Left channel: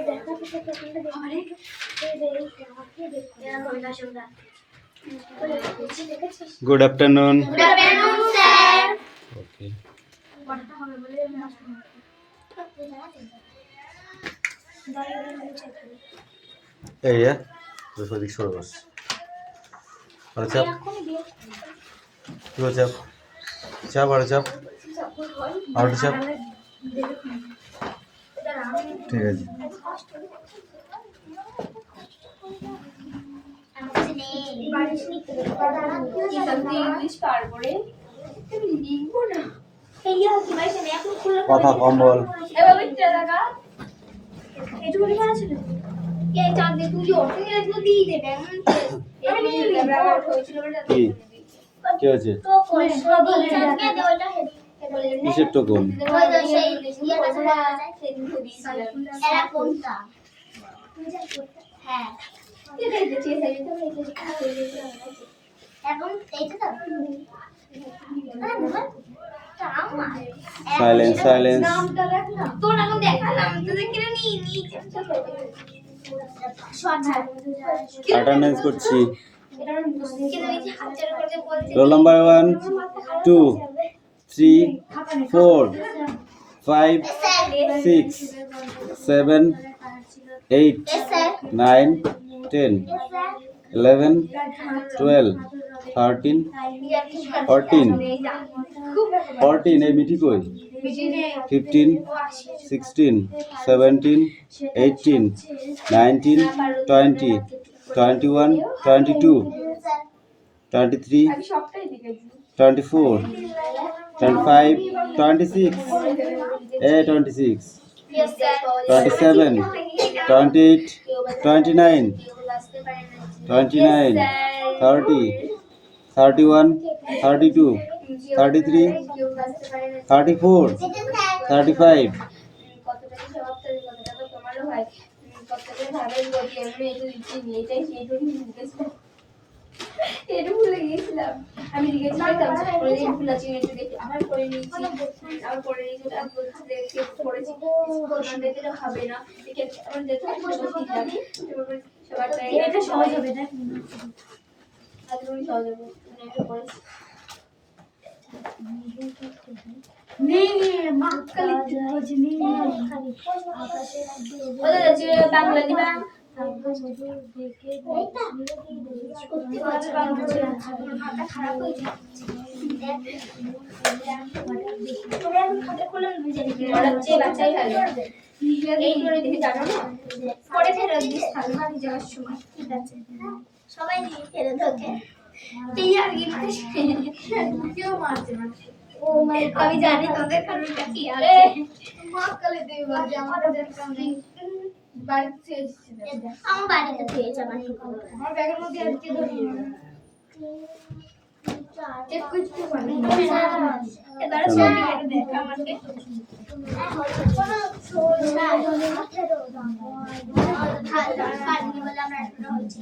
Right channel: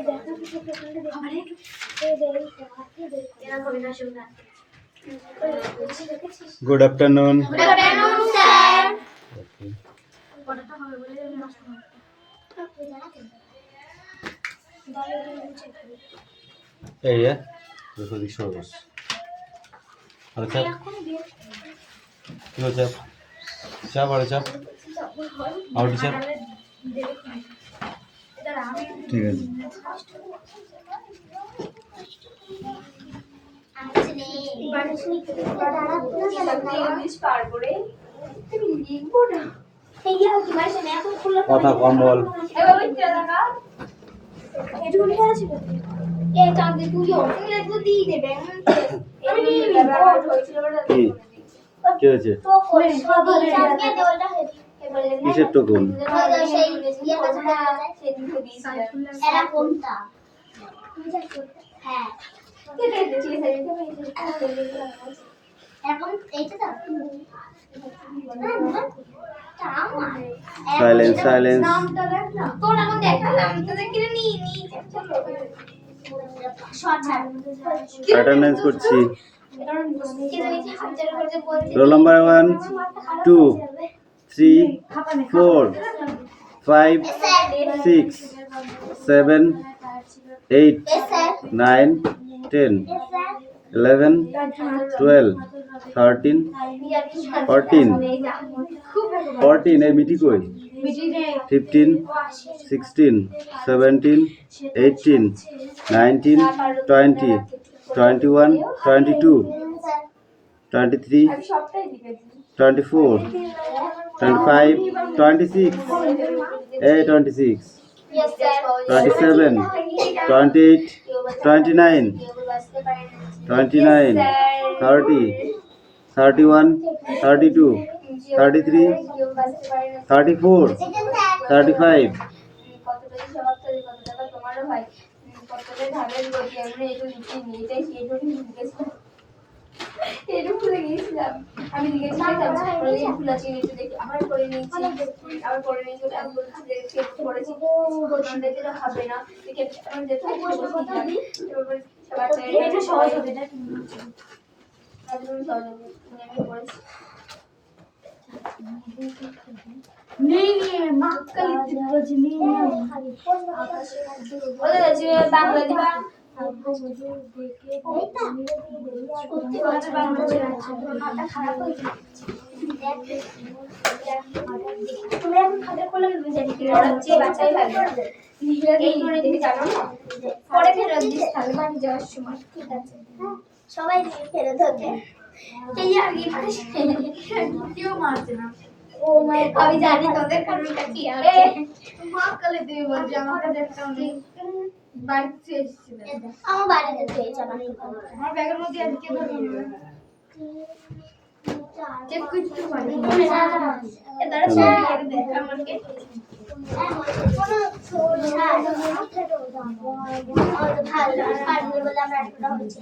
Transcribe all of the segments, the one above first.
Good afternoon. Good afternoon, sir. Okay. Hey, yeah. Before the show was. What's up? What's up? Chap, what's up? What's up? ঠিক আছে। কথা কম বল। কি হয়েছে? কিসের token? Silence silence. Attendance করছি। Roll number 1 2 3 4 5 6 7 8 9 10 11 12 13 14 14 এই মিটি কই 15 16 17 18 19 20 21 22 23 24 25 26 26 27 28 29 29 30 31 32 33 34 35 আমি লিখেছিলাম ফুল আছে একটু দেখি আবার করে নিয়েছি আবার করে নিয়েছি ওটা বলছি দেখে পড়েছি এটা হবে না দেখে আমি দেখে বসিয়ে দিলাম সবার এটা সহজ হবে না একদমই সহজ হবে মানে আমি পড়েছি नहीं मक्कली रजनी ওদের আছে বাংলা দিবা খারাপ হয়ে যাচ্ছে তোমরা এখন খাতা খোলা জানি কি পড়াচ্ছে বাচ্চাই ভালো এই করে দেখে জানো না পরে ফেরত দিস তাহলে আমি যাওয়ার সময় ঠিক আছে সবাই দিয়ে ফেরত ওকে এই আর কি কেউ মারছে না ও মাই আমি জানি তোদের কারণটা কি আছে মক্কলে দিয়ে বলছে আমার কাছে একটা নেই বাইক থেকে এসেছিল আমার বাড়িতে পেয়েছে আমার ব্যাগের মধ্যে আজকে ধরিয়ে চেক করতে পারি এবার সবই আর দেখ আমাকে কোন সোজা ভালো কালকে বলে আমরা একটা হচ্ছে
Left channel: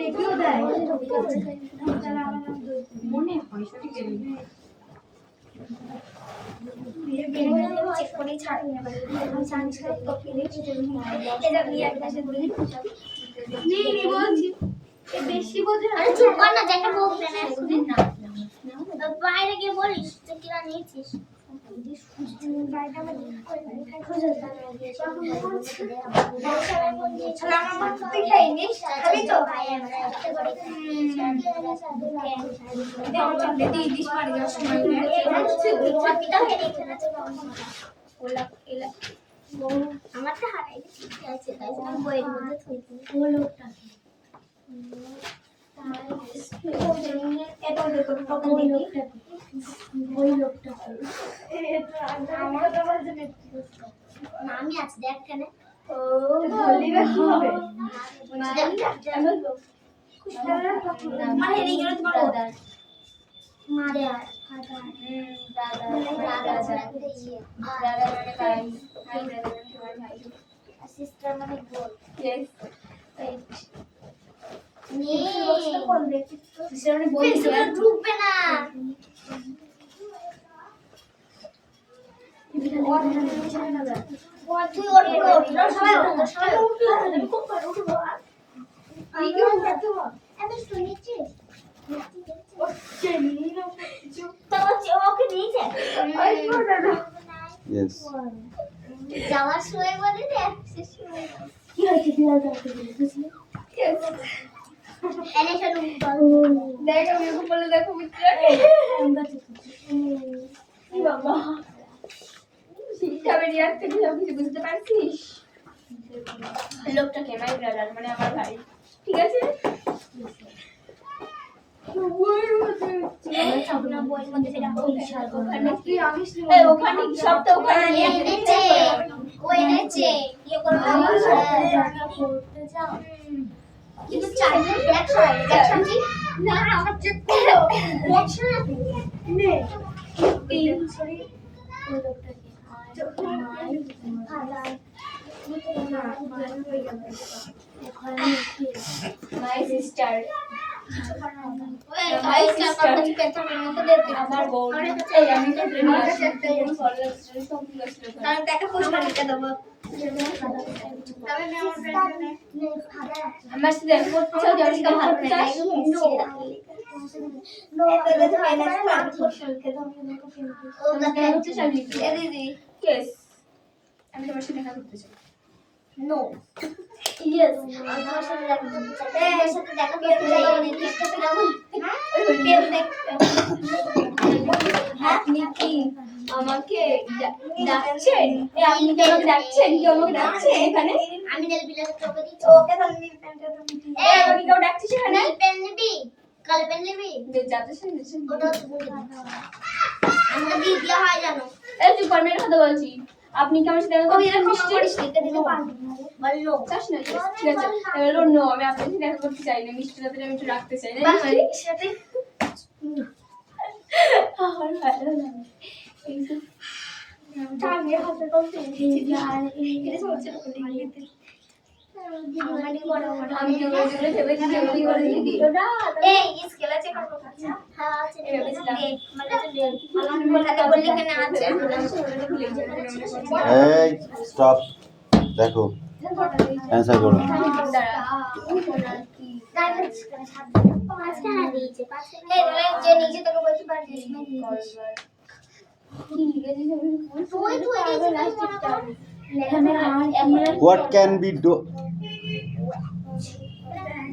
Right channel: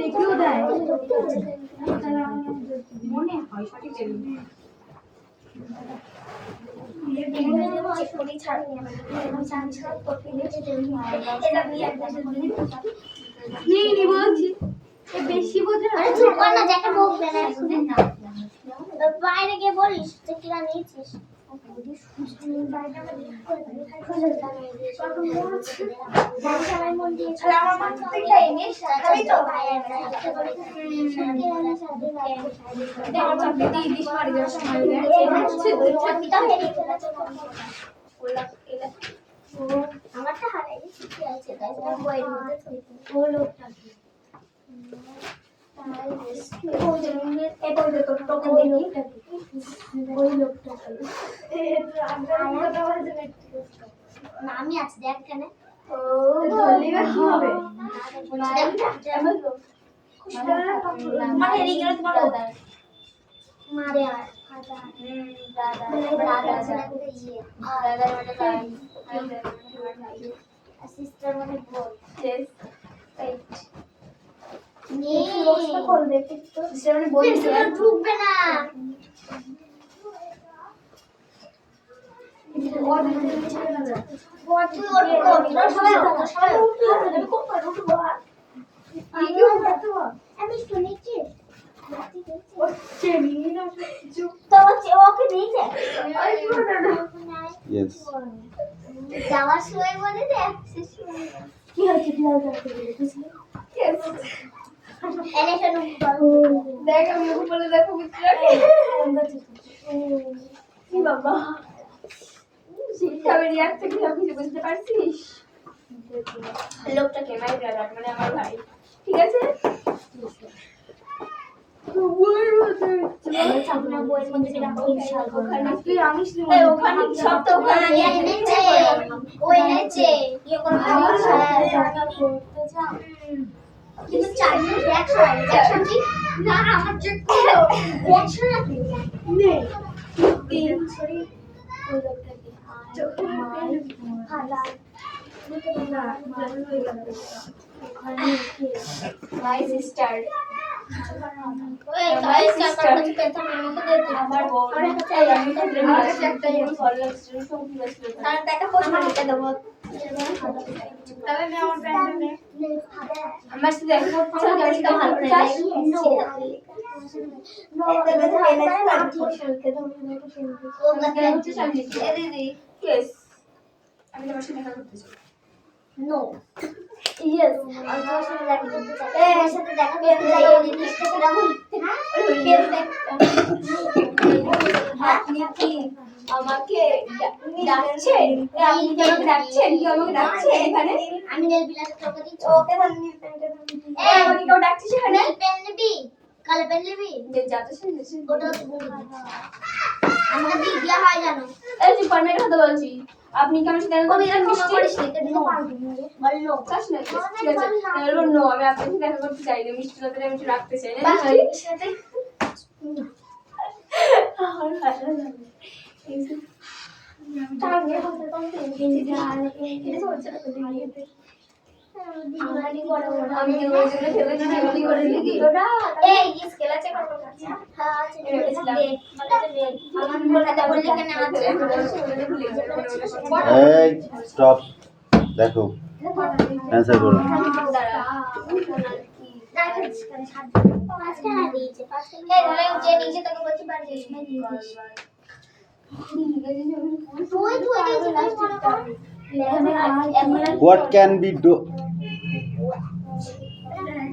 দেখিও দেয় মনে হয় সঠিক বেশি বোঝে বাইরে গিয়ে বলিস তুই কিনা নিয়েছিস আমারটা হারাই ঠিকই আছে তাই জন্য বইয়ের মধ্যে ও লোকটা আমি আছি দেখ কেন সিস্টার মানে বল ঢুকবে না ইয়েস যাওয়ার সময় বলে রে কি হচ্ছে এনে শোনো দেখ আমি ওকে বলে দেখো মিত্রাকে কি বাবা শিক্ষা বেরিয়ে আসছে তুই কিছু বুঝতে পারছিস লোকটাকে মাই ব্রাদার মানে আমার ভাই ঠিক আছে আমার বোন আমার সাথে আমি তোমার সাথে দেখা করতে চাই নো ইয়েস আমি তোমার সাথে দেখা করতে চাই তোমার সাথে দেখা করতে চাই নির্দিষ্ট রাহুল আপনি কি আমাকে ডাকছেন আপনি কি আমাকে ডাকছেন কি আমাকে ডাকছেন এখানে আমি নেল বিলাস তোকে দিচ্ছি ওকে তাহলে নীল পেনটা তুমি এই আমাকে কেউ ডাকছিস এখানে নেল পেন নিবি কালো পেন নিবি যে যাতে শুনছিস ওটা আমাকে দিয়ে দেয়া হয় জানো এই যে পানের কথা বলছি আপনি কি আমার সাথে দেখা করতে মিষ্টি এটা দিতে পারবি না বললো চাস না ঠিক আছে হ্যালো নো আমি আপনার সাথে দেখা করতে চাই না মিষ্টি রাতে আমি একটু রাখতে চাই না সাথে আমার ভালো লাগে আমি হাতে করতে এটা হচ্ছে না আমি কি বলে ভেবে দিই কি করে দেখি এই স্কেল আছে কত আছে হ্যাঁ আছে আমার কথা বললি কেন আছে এই স্টপ দেখো অ্যানসার করো যে নিচে তোকে বলছি বার দিস না what can B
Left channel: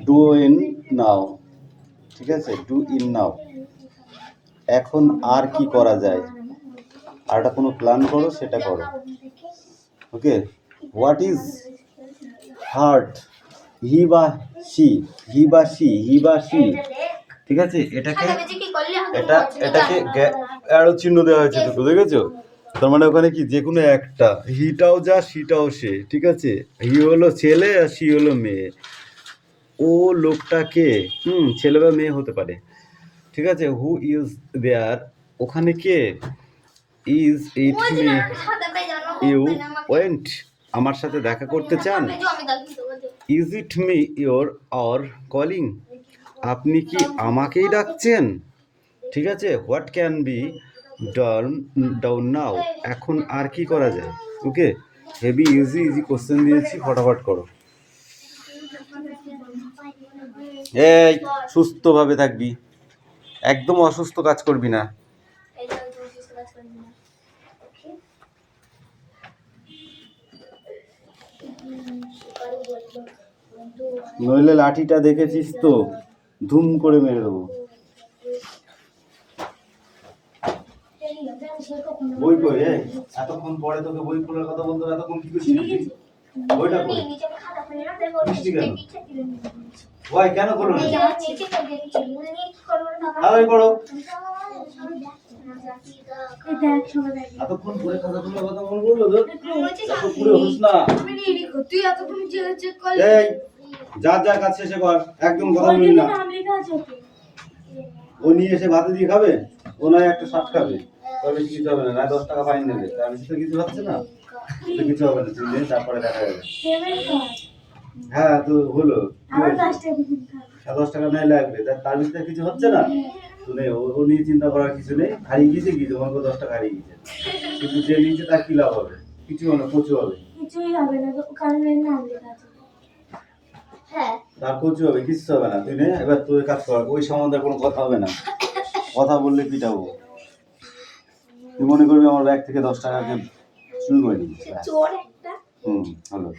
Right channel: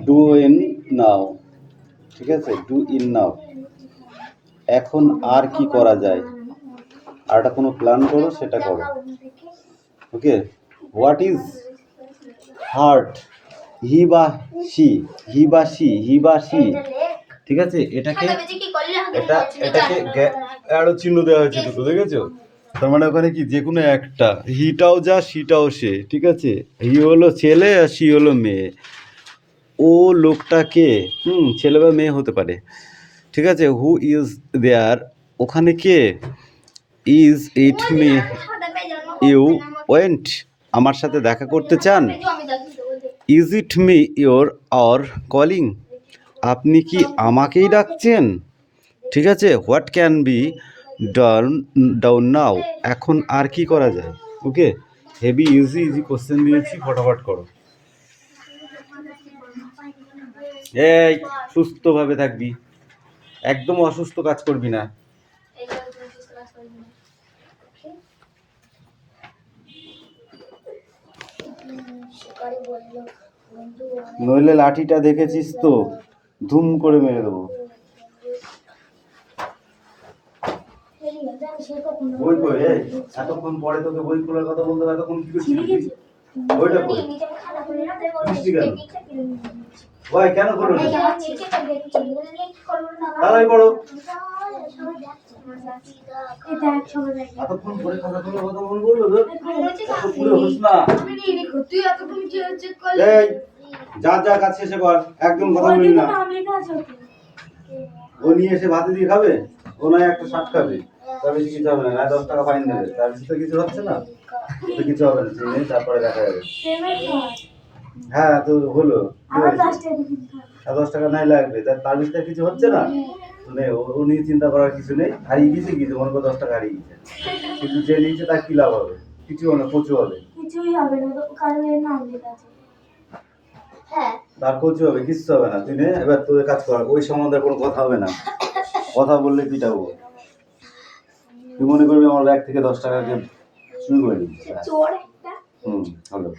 do in now ঠিক আছে ডু ইন নাও এখন আর কি করা যায় আর একটা কোনো প্ল্যান করো সেটা করো ওকে হোয়াট ইজ হার্ট হি বা সি ঠিক আছে এটাকে অ্যারো চিহ্ন দেওয়া হয়েছে তো দেখেছো তার মানে ওখানে কি যে কোনো একটা হিটাও যা সিটাও সে ঠিক আছে হি হলো ছেলে আর সি হলো মেয়ে ও লোকটাকে ছেলে বা মেয়ে হতে পারে ঠিক আছে হু ইজ দেয়ার ওখানে কে is it me you want আমার সাথে দেখা করতে চান is it me you're or calling আপনি কি আমাকেই ডাকছেন ঠিক আছে what can be done now এখন আর কি করা যায় ওকে হেভি ইজি কোশ্চেন দিয়েছি ফটাফট করো এই সুস্থভাবে থাকবি একদম অসুস্থ কাজ করবি না নইলে লাঠিটা দেখেছিস তো ধুম করে মেরে দেবো বই কই এই এতক্ষণ পরে তোকে বই খোলার কথা বলতে হবে এতক্ষণ কি করছিস বইটা কই মিষ্টি কেন ভাই কেন করো না তাড়াতাড়ি করো এতক্ষণ পরে কথা বললে কথা বলবো তো পুরো হোস না এই যা কাজ শেষে কর একদম কথা বলবি না ও নিয়ে এসে ভাতে দিয়ে খাবে ও নয় একটা শার্ট খাবে তার বেশি কিছু হবে না 10 টাকা ফাইন দেবে তার বেশি তো কিছু হচ্ছে না তো কিছু হবে না তুমি তারপরে দেখা যাবে হ্যাঁ তো হলো 10 টাকা নাই লাগবে তার বেশি কিছু হচ্ছে না শুনে ও নিয়ে চিন্তা করার কিছু নেই, হারিয়ে গেছে কি তোমার কত 10 টাকা হারিয়ে গেছে, কিন্তু যে নিয়েছে তার কি লাভ হবে? কিছু হবে না, কচু হবে। কিছুই হবে না তো, কারণ এর নাম লেখা আছে। হ্যাঁ তার কচু হবে, কিচ্ছু হবে না। তুই নে এবার তোর কাজ কর, ওই সম্বন্ধে কোনো কথা হবে না, কথা বললে পিটাবো। তুই মনে করবি আমার ব্যাগ থেকে 10 টাকাকে চুরি করে নিয়েছে। চোর একটা। হলো।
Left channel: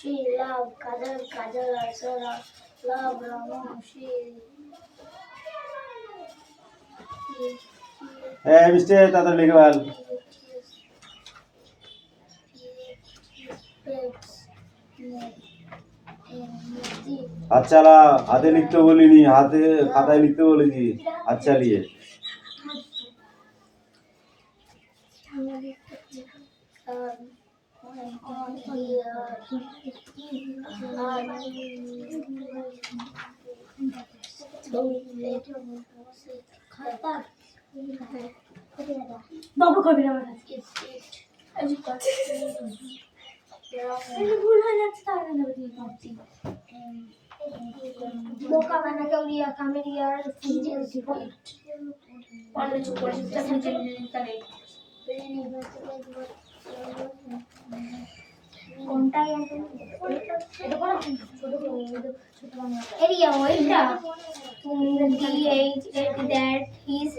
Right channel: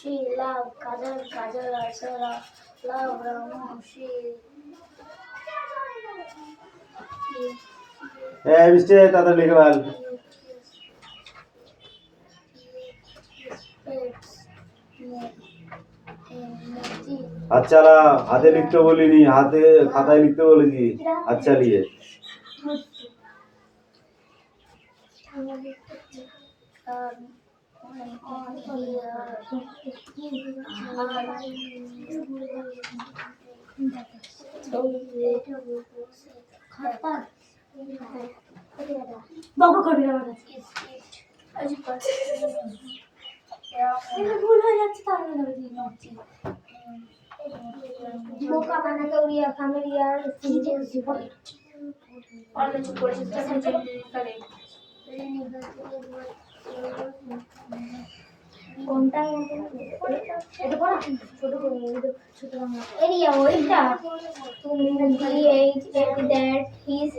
She love Kajal, Kajal also love Rama. She হ্যাঁ মিস্টার তাড়াতাড়ি লিখে বল। আচ্ছা হাতে লিখতে বলিনি, হাতে খাতায় লিখতে বলেছি। আচ্ছা লিয়ে বাবু করবি না আমার ভুল হয়ে যাচ্ছে, তাহলে বোকা বানাকে উড়িয়া কামেরিয়ার অন্য চুপ করে কোনটা এটা পড়া ছোট ছোট বাংলা এরিয়া ওইটা তুমি DH that his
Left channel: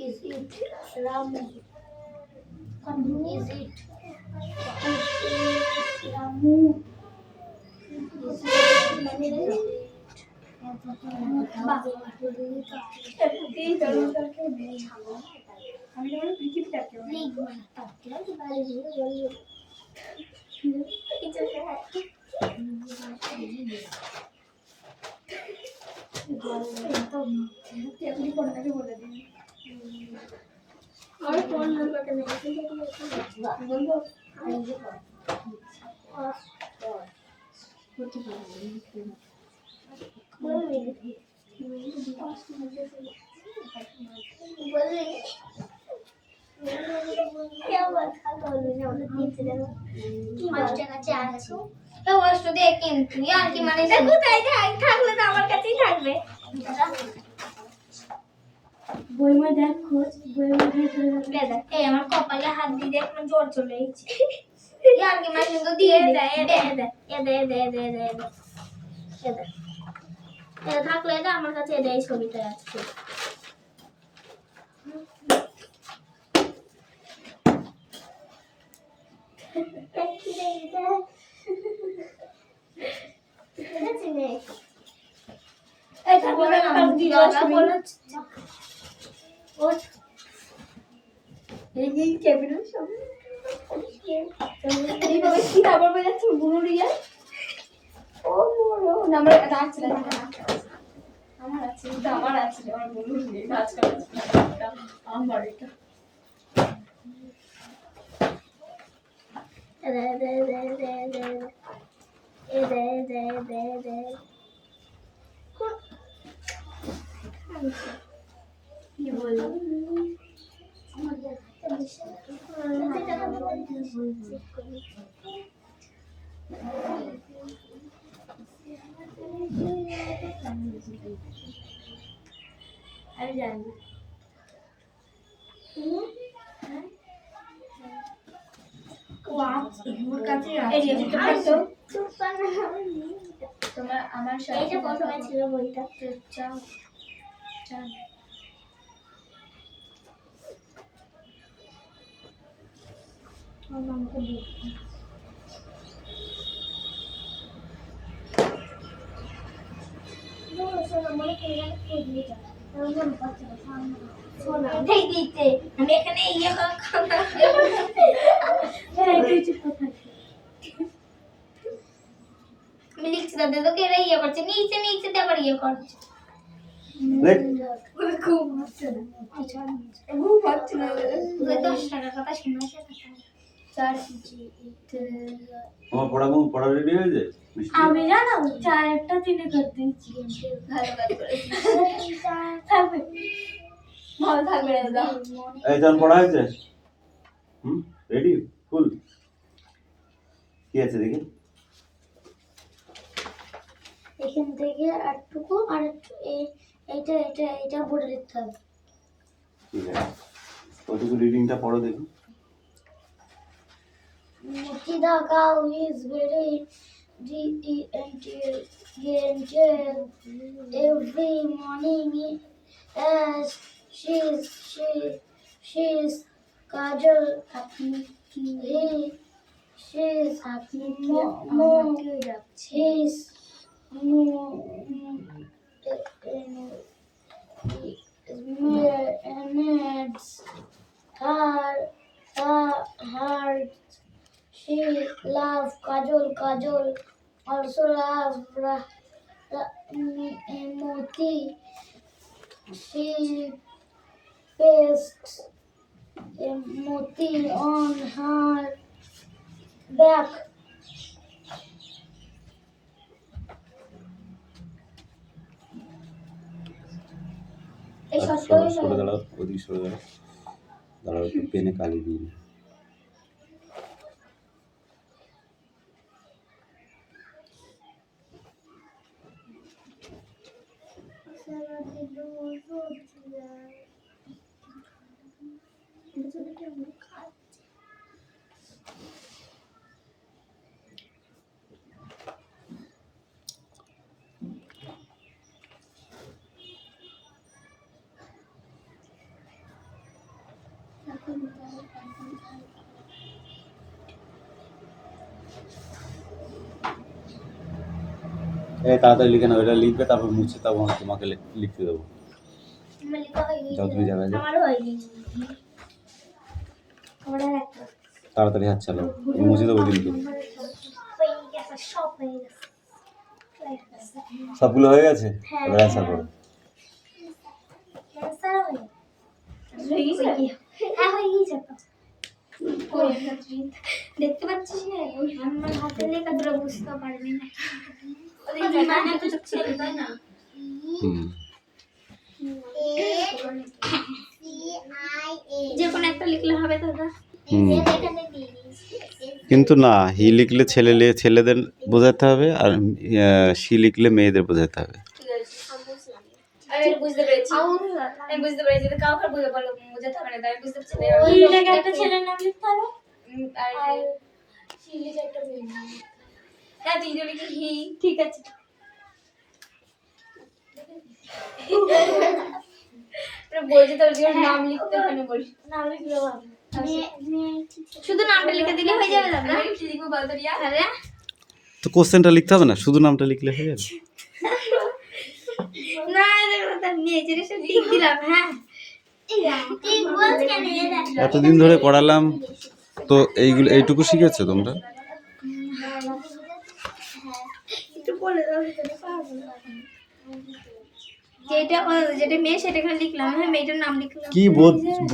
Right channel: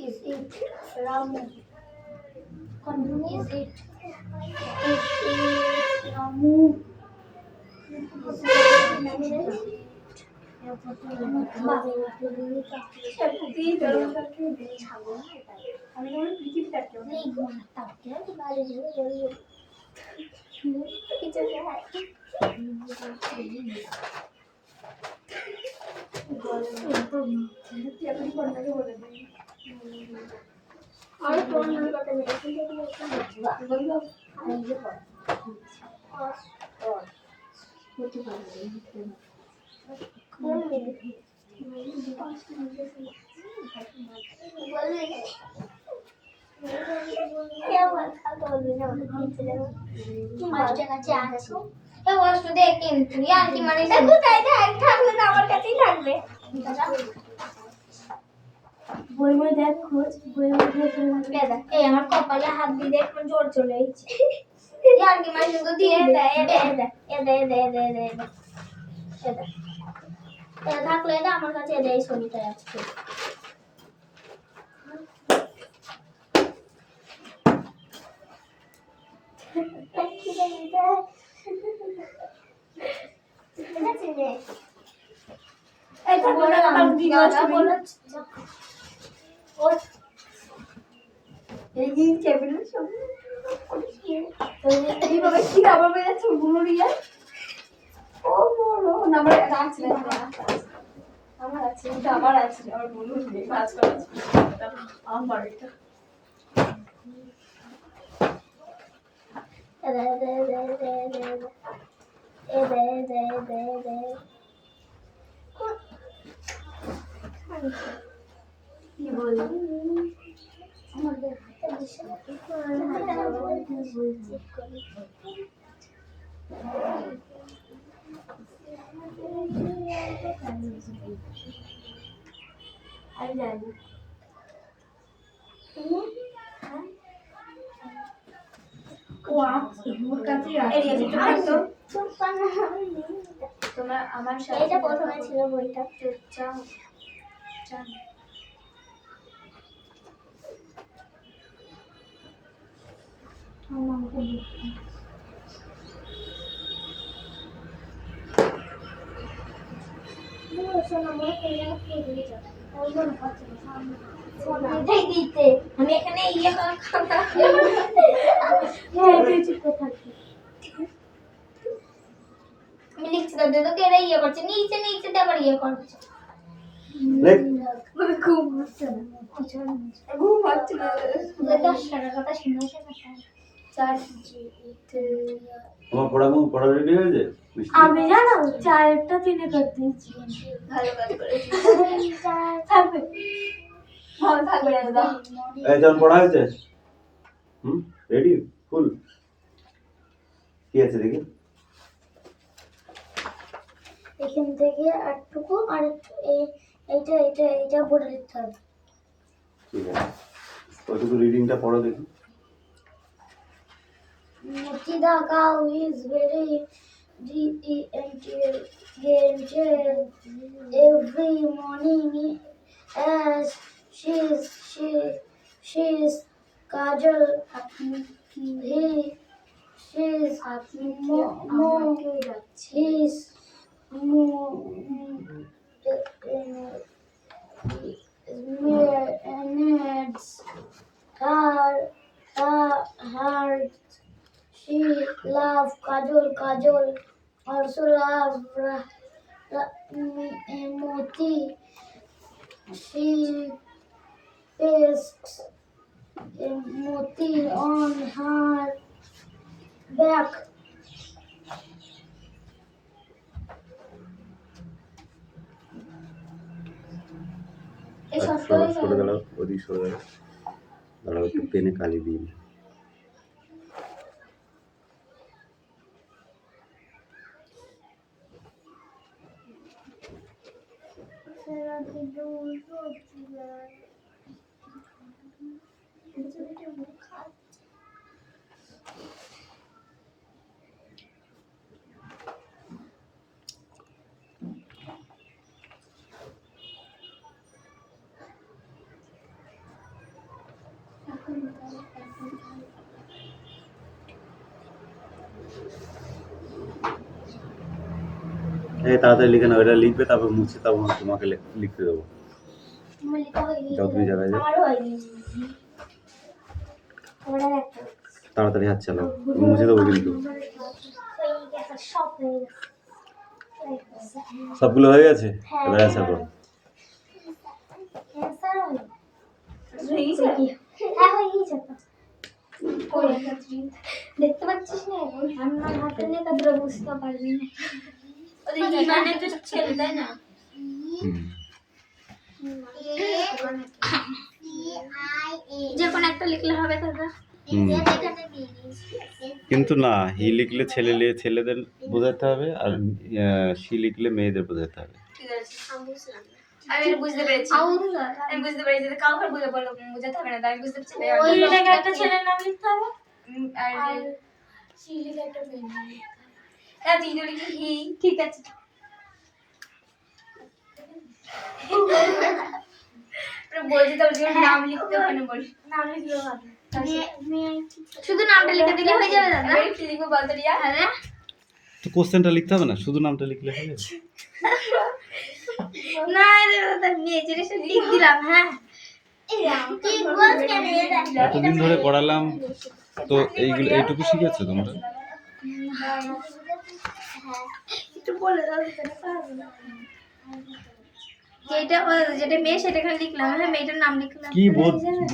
Is it Ramu? Is it Ramu? Is और कौन नंबर का मेडिसिन बोलो आइए और क्या बता दो ना মাস্টার কাছে আছে এই ওয়াশটা দে কিন্তু আর কি মানে দেখো তাই থাকলে তো আমার কাছেই থাকবে বই বই দেখ খোঁজ বই বই দিয়ে চলে যাবে দেখ এই আমার কপালে হাত দিয়ে দেখ জোর চলে এসেছে আর কি মানে কিন্তু দিয়ে দে এটা থাকলে এটা আমার কাছে এটা এই ছবিটা আছে এটা প্রথমে ছিল বইটা আমি এখানে ইয়ে আমি লিখছি তাদের তো কেরা ইয়ে করছে নিচে নিচে আবার ইয়ে করছে দেখ ঘুম হচ্ছে না ঘুম হচ্ছে না 10 টাকার কথা শুনেছে না চার তোমার পড়া রেডি হয়েছে আমি জানো চারটা দিনে করতে দিচ্ছি ভালো কাজ করেছি থাকবে ভালো থাকবে দাদা এই চল পড়া হয়েছে রেডি ফুল কি আছে দেখি এখান থেকে আটটুকু আর এইটা পড়ে লিখতে হবে ঠিক আছে ওইটুকু রিডিংটা পড়ো দেখি Mutida cow is very gentle every morning as she's Kajal she's needs her she love Kajol also love Moti. She pastes Moti on her back. সরে দাঁড়াও ওদিক সরে দাঁড়াও একটু পেনে কালি দিন এই তাড়াতাড়ি লিখে নাও এটা লিখবে তারপর মুছে তারপর তোমাকে লিখতে দেবো যাও তুমি জায়গায় যাও তাড়াতাড়ি হাত চালাও মুছে দেবো কিন্তু সবগুলো হয়ে গেছে এবার আশা করো দেখতে পাচ্ছিস না আমার হাতে লেখা ধরে বুঝতে পারবি না যে কোনো একটা লিখলে হবে দাদা কিন্তু না হি লিখলে ছেলেদের বোঝাতে হবে আর সি লিখলে মেয়েদের বোঝাতে হবে আমি বুঝতে পেরেছি যে কাউকে বুঝাতে হবে না আমি বুঝতে পেরেছি ওই লেখা একটা ছেলের নাম লিখতে হবে আর সি লেখা একটা মেয়ের নাম হ্যাঁ তুই যদি লিখি হি ঠিক আছে বলছি তোর নাম লিখতে ওখানে বলি নাম লিখলে হবে শুধু নামটা লিখে দিলে হয়ে যাবে দাদা কি লিখবো বলতো রিয়া আরে তো কোশ্চেনটা লিখতে হবে না শুধু নামটা লিখলে হয়ে যাবে না দাদা নিচে এসে লিখ দিলাম হ্যাঁ ঠিক বল কেন এতদিন ধরে করালাম তো এইটুকু শিখেছো তোমরা একটু বলে দাও যেটা মেয়ে সেটা এখানে লিখলাম হ্যাঁ মেয়েটার নাম লিখলাম কি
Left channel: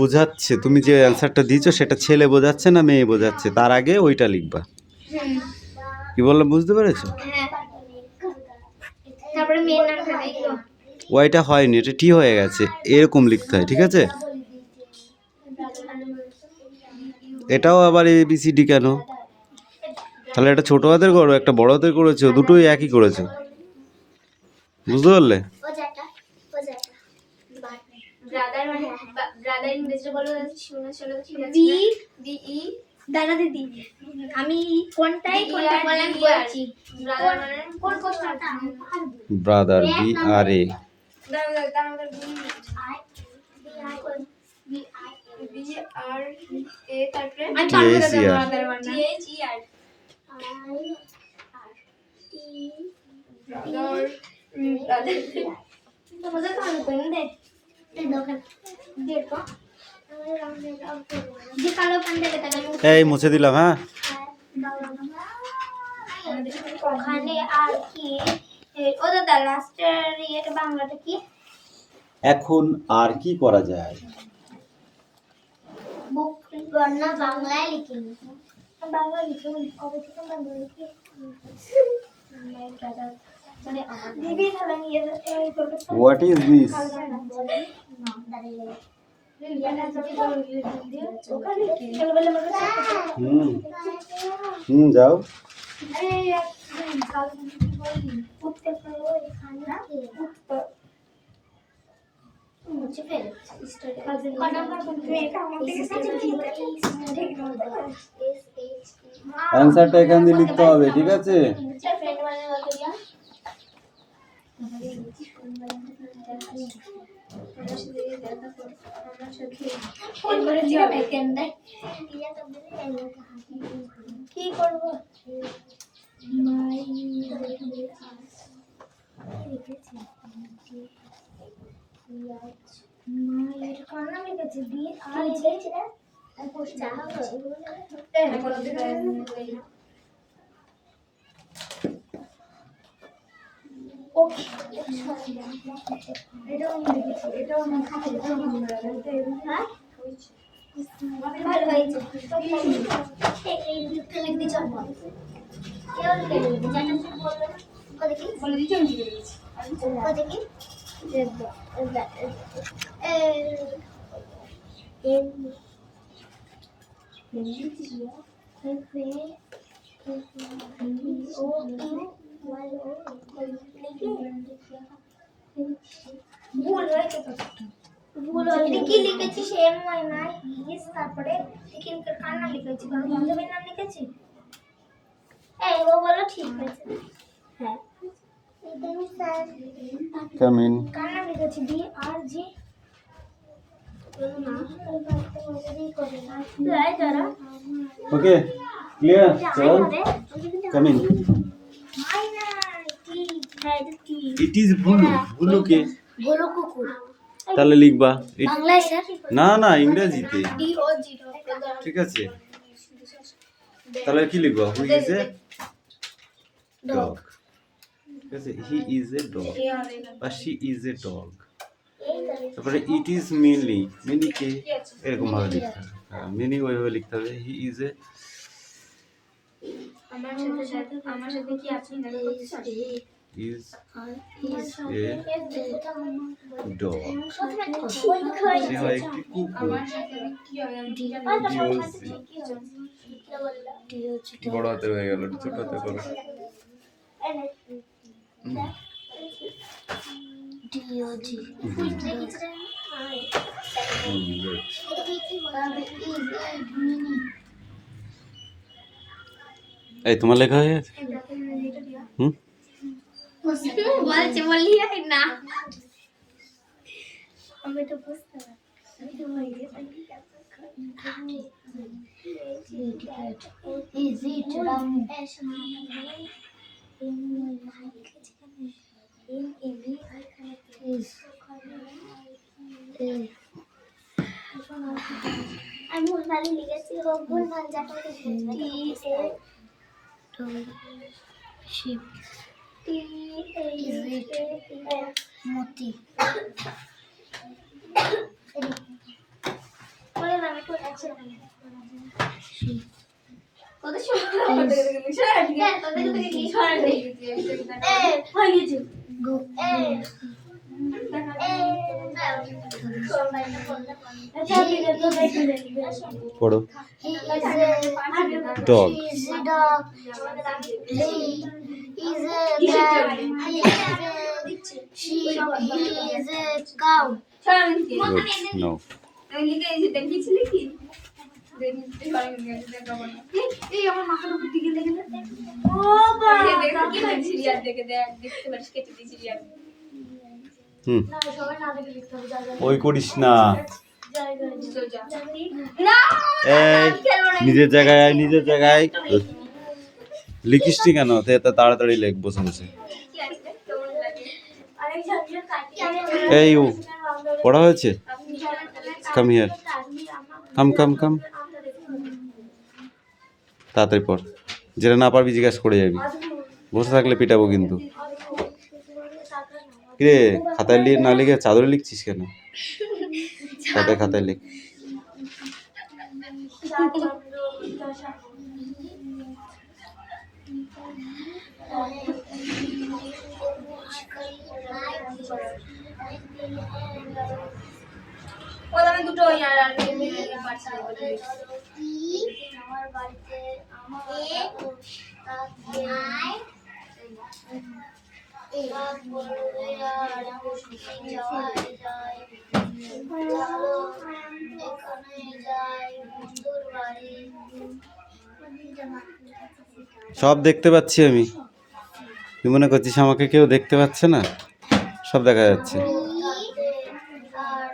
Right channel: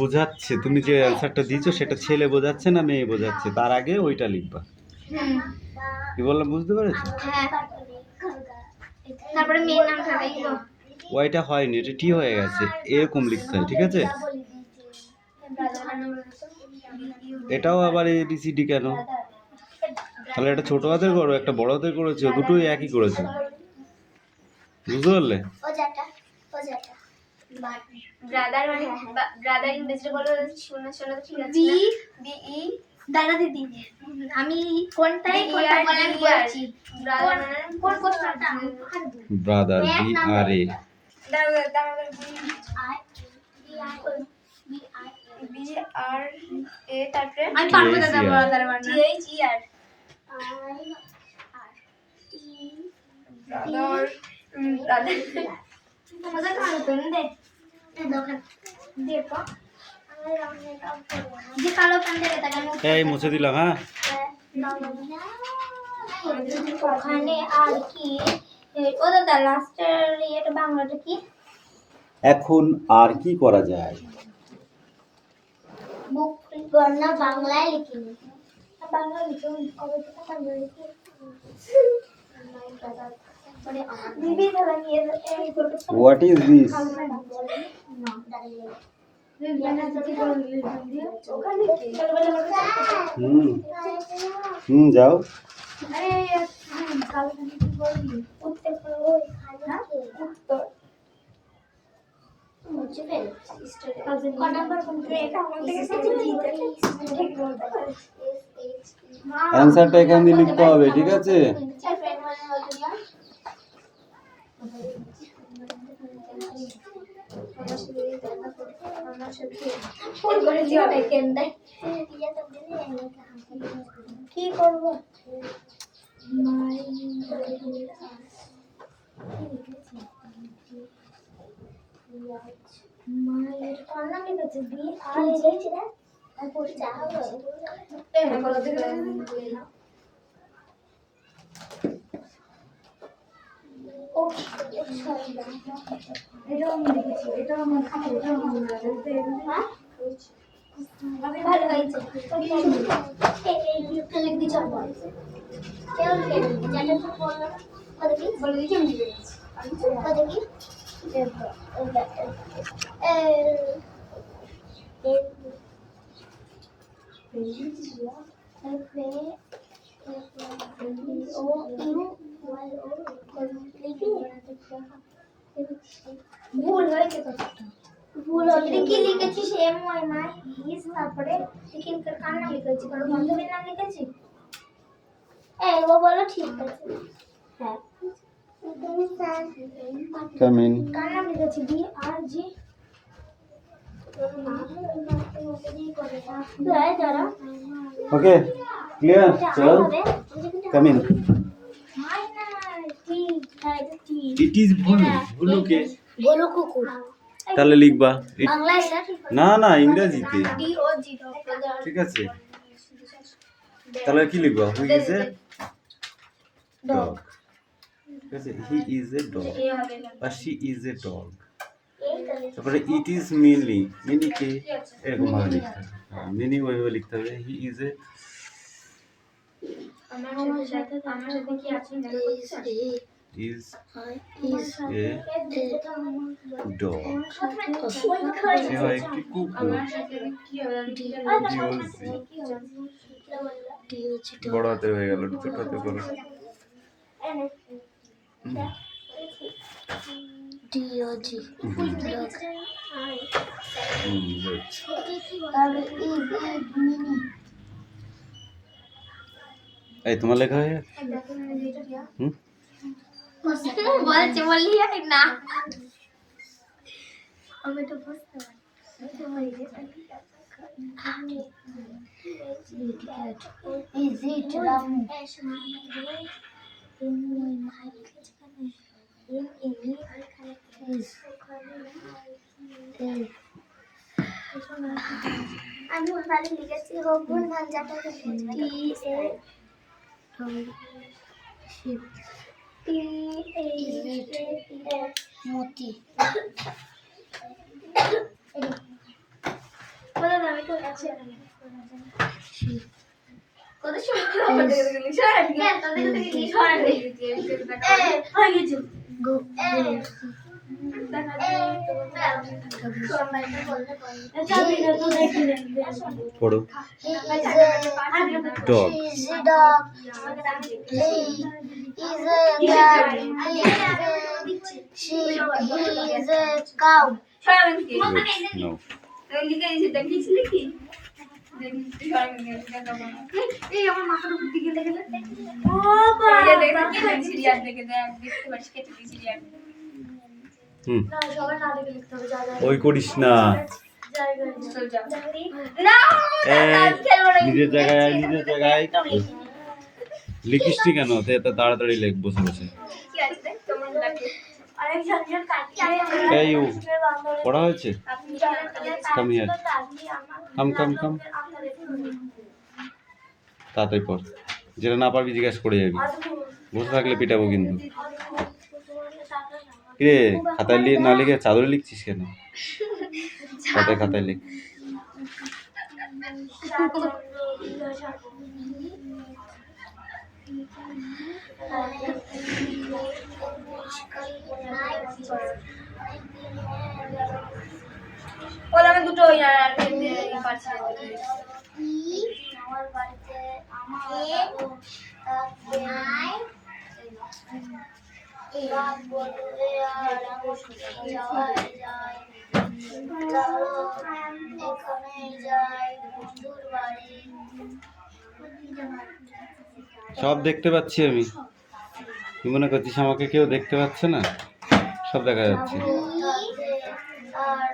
বোঝাচ্ছে তুমি যে অ্যানসারটা দিয়েছো সেটা ছেলে বোঝাচ্ছে না মেয়ে বোঝাচ্ছে তার আগে ওইটা লিখবা কি বললাম বুঝতে পেরেছো হ্যাঁ তারপরে মেয়ের নামটা লিখবো ওইটা হয়নি এটা টি হয়ে গেছে এরকম লিখতে হয় ঠিক আছে এটাও আবার ABCD কেন তাহলে একটা ছোট হাতের করো একটা বড় হাতের করেছো দুটোই একই করেছো বুঝতে পারলে ব্রাদার মানে ব্রাদার ইংরেজিতে বলো শোনা ঠিক আছে বি ই দাদা দিদি আমি কোনটা বলেন বলছি ব্রাদার কোন কোশ্চেনটা ব্রাদার BRA তারপরে আমি পারবো দাদা ব্রাদার মানে THER তোমাদের কারো পেন দে দোকান দেখো যে কালো পেন দেখে তাকে এই মুছে দিলাম হ্যাঁ ওখানে আর কি ও দাদা লাস্টের ইয়েটা বাংলাটা কি এখন আর কি করা যায়? বুক গণনা বাংলায় লিখিনি। বাংলা লিখে কবে থেকে বাংলা লিখি মানে দিদি খেলা নিয়ে হোয়াট ইজ দিস? যাও। অ্যান্সারটা এখান দিয়ে লিখতে হবে, ঠিক আছে? কি করবো? মায়ের কার নাম লিখেছে? বি আর লিখেছে না? আর পোস্টটা হবে ও এটাও আমি লিখেছি, এটাও আমি খাতা, এটাও আমি লিখেছি। হ্যাঁ ভালো হয়েছে। এই লিখতে লিখতে চল বল কেউ লিখে দিবে জানা তো বললো না কত কি বলে দিচ্ছি আমি লিখে দিচ্ছি কত কি ভুল হয়েছে কতটা ভুল হয়েছে কি লিখেছি সেম হয় না ইস তারপরে টিকিন কার নাম লিখেছি কারণ বন্ধুদের নাম লিখেছি এই ও বলো ঠিক আছে হ্যাঁ কাম ইন। কার নাম লিখেছি বি আর জি ওকে ক্লিয়ার? চল come in. It is blue. Blue কে? বলো কুকুর তাহলে লিখবা বাংলায় স্যার না না ইংরেজিতে, ডি ও জি ঠিক আছে? তাহলে কি লিখবা? হু ইজ এ ডগ, ঠিক আছে? হি ইজ এ ডগ বা শি ইজ এ ডগ। তারপরে ইট ইজ মিনি। মিনি কে? এরকম ভাবে লিখতে হবে। হ্যাঁ মিনি ওইভাবে লিখতে হবে। হি ইজ এ আমার সাথে কি আছে is a dog. সে হয় একটি কুকুর। বড় হাতের হয়ে গেল, ছোট হাতে করো। এই তোমার লেখা হয়ে গেছে? বলছে বললি না আমি তো বুঝতে আমি ভুলভাল লিখেছি ভুল ভাল যাটাকে শিপ মতি বলো না আমি তো আছে কত সুন্দর তোদের থেকে কি সরা দেই হয়ে গেছে গো পড়ো। ডগ নো ওই করিস না। নিজের জায়গায় আয়, নিজের জায়গায় লিখিস নি কেন? তাড়াতাড়ি লেখ বসে বসে। এই পড়া হয়েছে? কাম হিয়ার, কাম কাম কাম, তাড়াতাড়ি পড়। যেটা না পারবি জিজ্ঞাসা করে যাবি, বসে থাকলে পিটাবো কিন্তু। কিরে খাতায় না লিখে চাদরে লিখছিস কেন? খাতায় লিখ। ওলা আমি দুটো পারছি আমার বাড়িতে রাত বললে আর যাওয়াই যায় এখানে যাই বন্ধুর বাড়ি। সব দেখতে পাচ্ছি আমি। তুই মনে করছিস আমাকে কেউ দেখতে পাচ্ছে না? সব দেখা যাচ্ছে। আর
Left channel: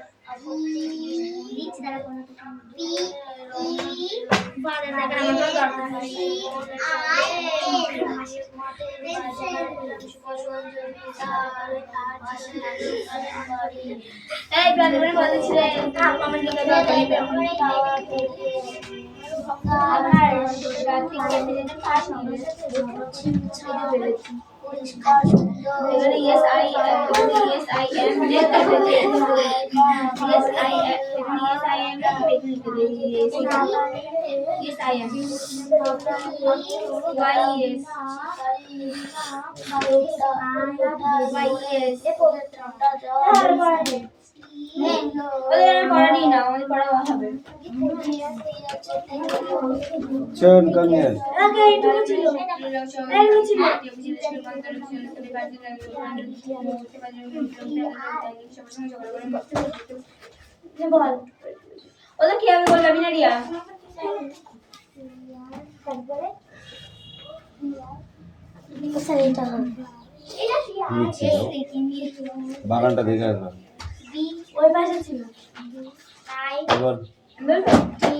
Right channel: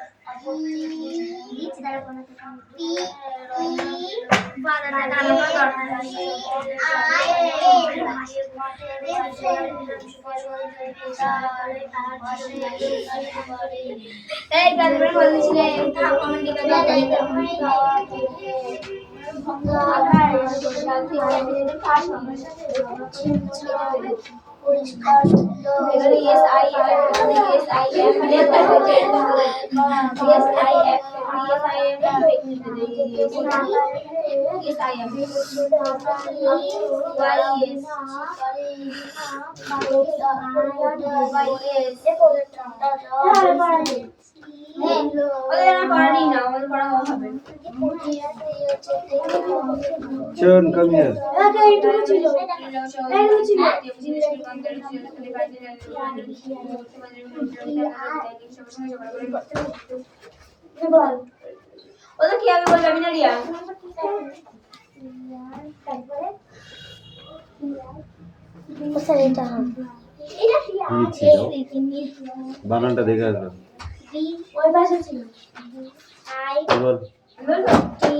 পরিষ্কার সুন্দর yes I am yes I am yes I am yes I am yes I am why yes why yes ওদের পড়ানি না আমাদের পড়া হবে চল কাম হিয়ার। এইটুকু ছিল বল ওদের কি আমি বললাম না রিয়া তারপরে এটা হবে এটা বানানটা দেখে আসবে। বি ওই পাশে ছিল আই এবার বলবো টি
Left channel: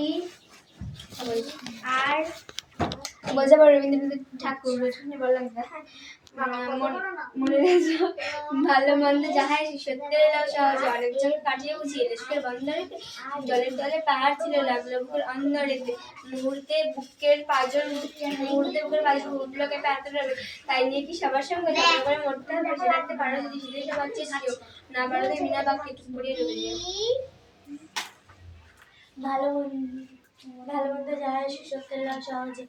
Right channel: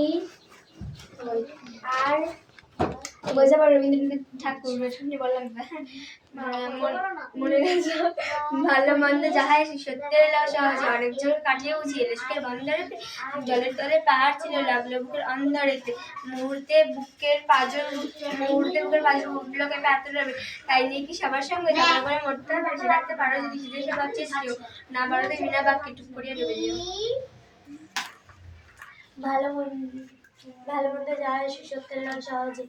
আর বোঝা পড়ে রবীন্দ্রনাথ ঠাকুর শুনে বললাম মনে রেখো ভালো মন্দ যাহাই সত্যের লাও সহজে অনেকজন কাটিয়ে বুঝিয়ে দেশকের বন্দরেতে জলের তলে পাহাড় ছিল লাগলো বুকের অন্দরেতে মুহূর্তে বুকের পাঁজর উঠলো কেঁপে আতর রবে তাই নিয়ে কি সবার সঙ্গে ঝগড়া করে মরতে হবে সে রাখতে পারো যদি সেদেশে পাচ্ছিস কেউ না পারো তো বিনা বাক্যে টুক করিয়ে দেবে ভালো মন্দ যায় সত্যের লাল সহজে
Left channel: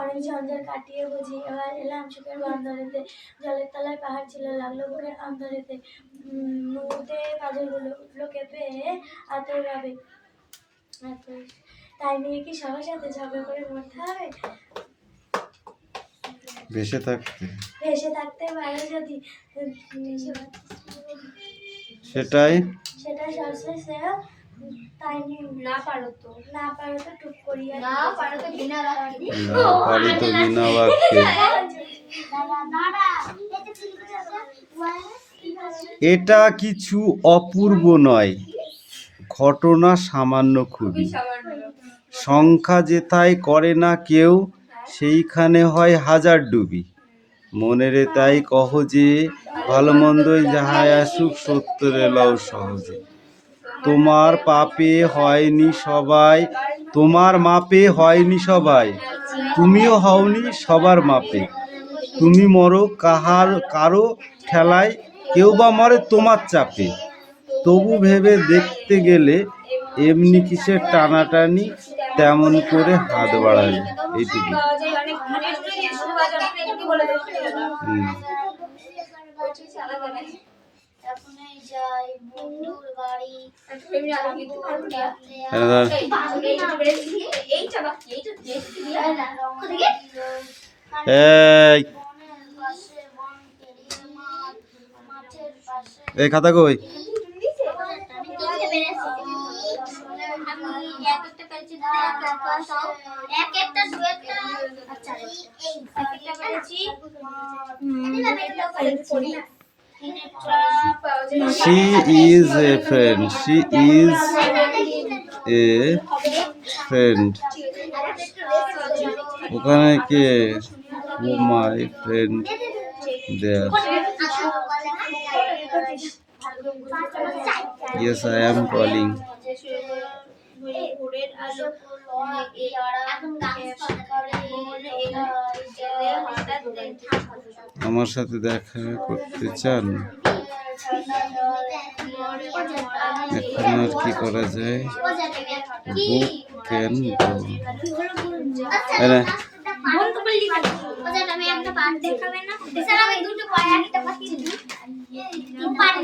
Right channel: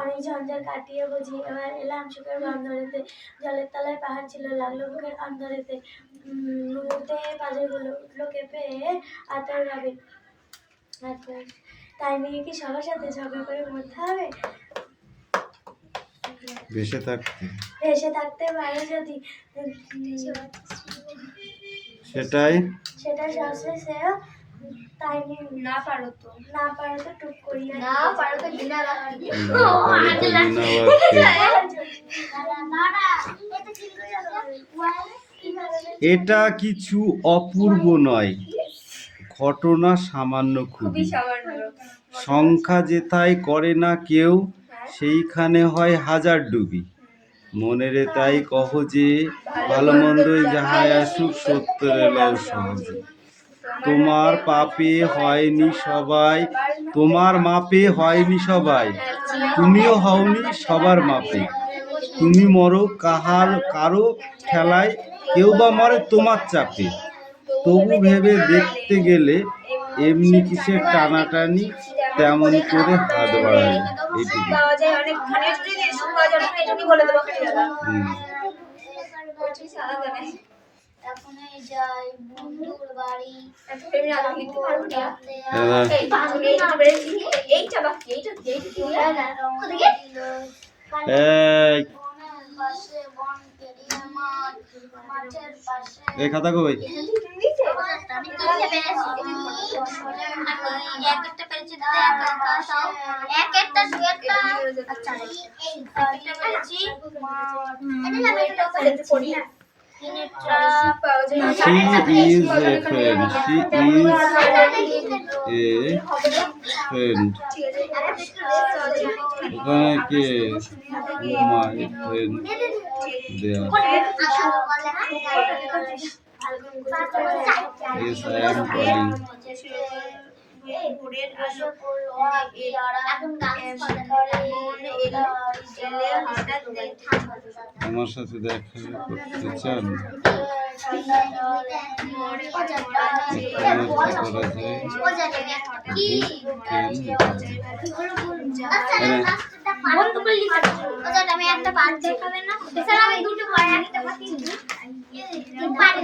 অনেক ঝঞ্ঝার কাটিয়ে বুঝি এবার এলাম সুখের বন্দরেতে জলের তলায় পাহাড় ছিল লাগলো বুকের অন্দরেতে মুহূর্তে পাঁজরগুলো উঠলো কেঁপে আতর রবে তাই নিয়ে কি সবার সাথে ঝগড়া করে মরতে হবে ভেসে থাকতে পারো যদি সেটাই সবশেষে তাই নিয়ে না পারো তো টুক করিয়া না পারো তো বিনা বাক্যে এটা কিছু অপূর্ব নয়, ঘটনা সামান্য খুবই। সংখ্যা যেথায় করে না কেউ, সেইখানে হয় হাজার ডুবি। মনেরে তাই কহ যে ভালো মন্দই যাহাই আসুক সত্যরে লও সহজে। তোমার মাপে হয়নি সবাই, তুমিও হওনি সবার মাপে। তুমি মরো কারো ঠেলায়, কেউ বা মরে তোমার চাপে। তবু ভেবে দেখতে গেলে এমনি কিসের টানাটানি, তেমন করে হাত বাড়ালে। এইটুকু। এখনই যাই বন্ধুর বাড়ি এই খাতা কই? She is a friend. ওখানে কে? My friend there. Yes, I am calling. হঠাৎ আমার সাথে দেখা করতে চান? এখন আর কি করা যায়? কেন বন্ধ করলি আমি একটা পার্ট দেখাবে না? স্যার আমি দুটো পার্ট একটা পাচ্ছি